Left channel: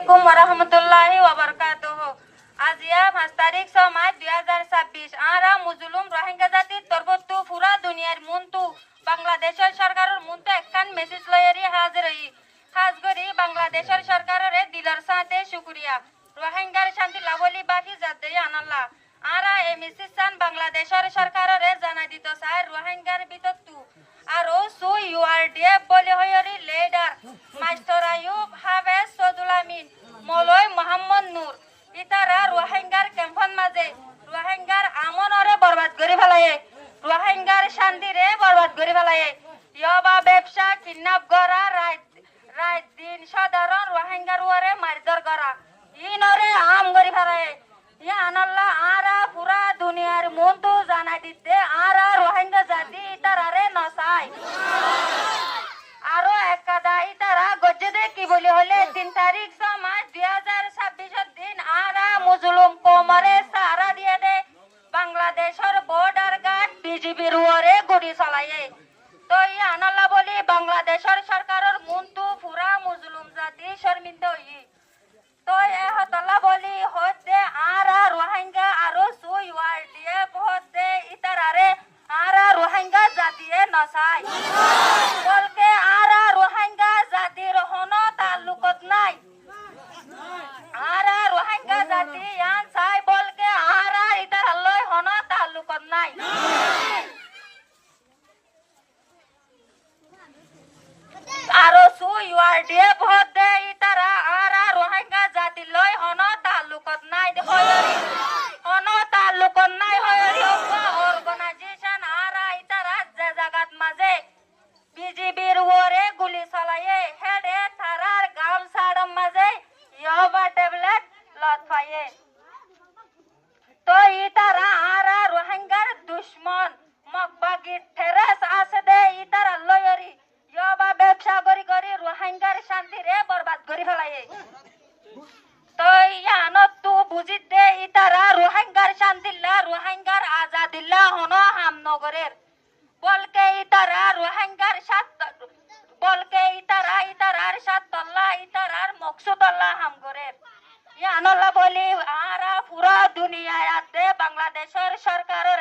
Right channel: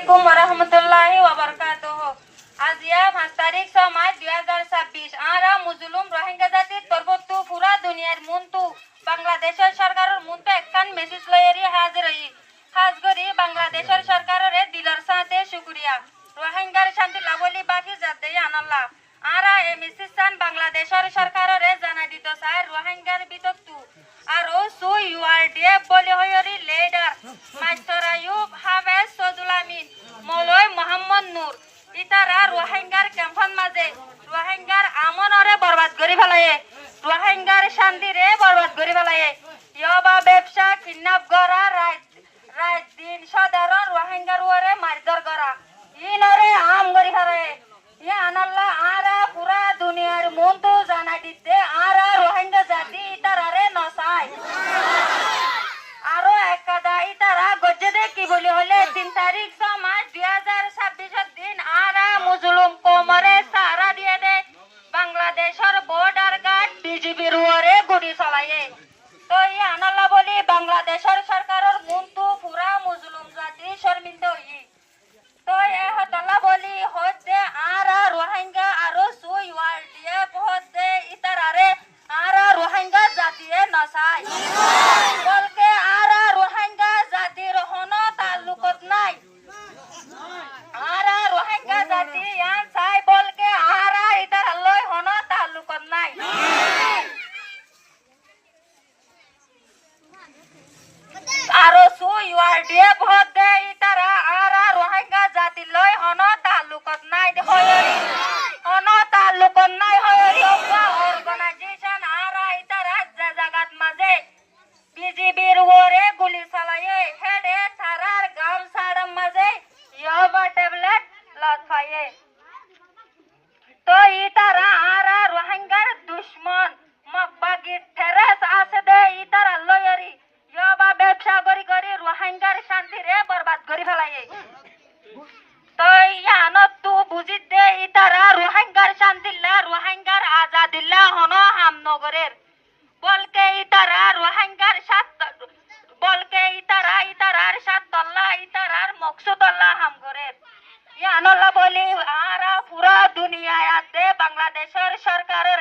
Assalamualaikum warahmatullahi wabarakatuh. আজিয়া 5 তারিখ 6 March 2026 আরা মুজলুম রোহিঙ্গা জাতি তরবতু পুরা দুনিয়ার মুন্তু বাংলাদেশের সরকারের মুন্তু একখান মেসেজ লয়েরি হাজির হই খাস করি বাংলাদেশের সরকারের দিলর সাথে শুকরিয়া রোহিঙ্গার শান্তি লাভলি বাকি জাতি আনাল্লাহ আরা এই মেসেজ সান বাংলাদেশের সরকারের জানা দিত স্যার রোহিঙ্গার বিততু আর ও সু ইউআরডিএফ বলে হইরি লিডার মাস্টার আইয়ুব হাফেজ সদুল আমিন মৌলভী মোহাম্মদ নূর ইতারা রোহিঙ্গার ক্যাম্পন মাঝে রোহিঙ্গার আমনরে বরবাদ করি ফেলায়ে রোহিঙ্গার শান্তিরে বরবাদ করি ফেলায়ে ইয়বা ব্যবসা কিডন্যাপ করা রাত দিন সাধারণ রোহিঙ্গার ওরে মারধর করা ইনরে আম করি ফেলায়ে ইয়া আনাল্লাহ আরা পুরা দুনিয়ার মন্তু জানা দিতে আরা রোহিঙ্গা জাতি ইতারারে নসায় আরো এক কাদা ইতারা গজ্জে কি বলি হলে 3 তারিখ 6 মার্চ 2026 দিন আরা মুজলুম কোমরে সারা দিয়ে দে বাংলাদেশের বর্ডার গার্ড বিজিবির ওরে গুলি চালায়ে তো ই আনাল্লাহ বলি বাংলাদেশের সরকারের মুন্তু পুরা মুজলুম জাতি শর্মিন্দা হই তো এ হতলা বলি হতে আরা রোহিঙ্গা আরো সুই ওয়ার্ডিএফ হতে ইতারারে আরা রোহিঙ্গা জাতিয়ে নসাই বলকে আরা রোহিঙ্গা জাতির হন তাল্লুকত নাই আরা রোহিঙ্গা জাতি ইয়ান চাই বলকে আরা ইতার লয় হন তাল্লুকত নাই আরো সুই ওয়ার্ডিএফ হতে ইতারা আরা রোহিঙ্গা জাতি লয় হন তাল্লুকত নাই হন তাল্লুকত নাই হয়রি অর্গানাইজেশন আরা ইতারা জাগাত মাঝে বিজিবির ওরে গুলি চালায়ে হেডে থারার গাম সাড়ম মাঝে ইয়বা ট্যাবলেট লতফায়ে তো ইতারা আরা রোহিঙ্গার দুশ্মন মকবাগি ঠেরেস আছে দে ইতারা লয়রি ইয়বা ব্যবসা করি করি রোহিঙ্গার শান্তি রে বরবাদ করি ফেলায়ে তো ইয়ানত তু বুঝিত দে ইতারা রোহিঙ্গার শান্তিল্লা রোহিঙ্গার আজাদিল্লা হনো হামনগরের বলকে ইতারা রোহিঙ্গার বলকে ইতারার সাত তল্লা ইতারার মকসুদল্লাহ হামগরের ইয়ানল্লাহ বলি আরা পুরা দুনিয়ায় আতে বাংলাদেশের সরকারের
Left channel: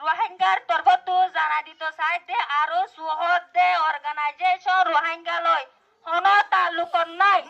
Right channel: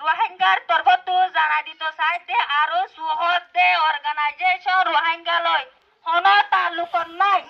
রোহিঙ্গার তরবতু জানা দিত চাইতে আরো সুহদ দে অর্গানাইজেশন রোহিঙ্গা লয় হন তাল্লুকত নাই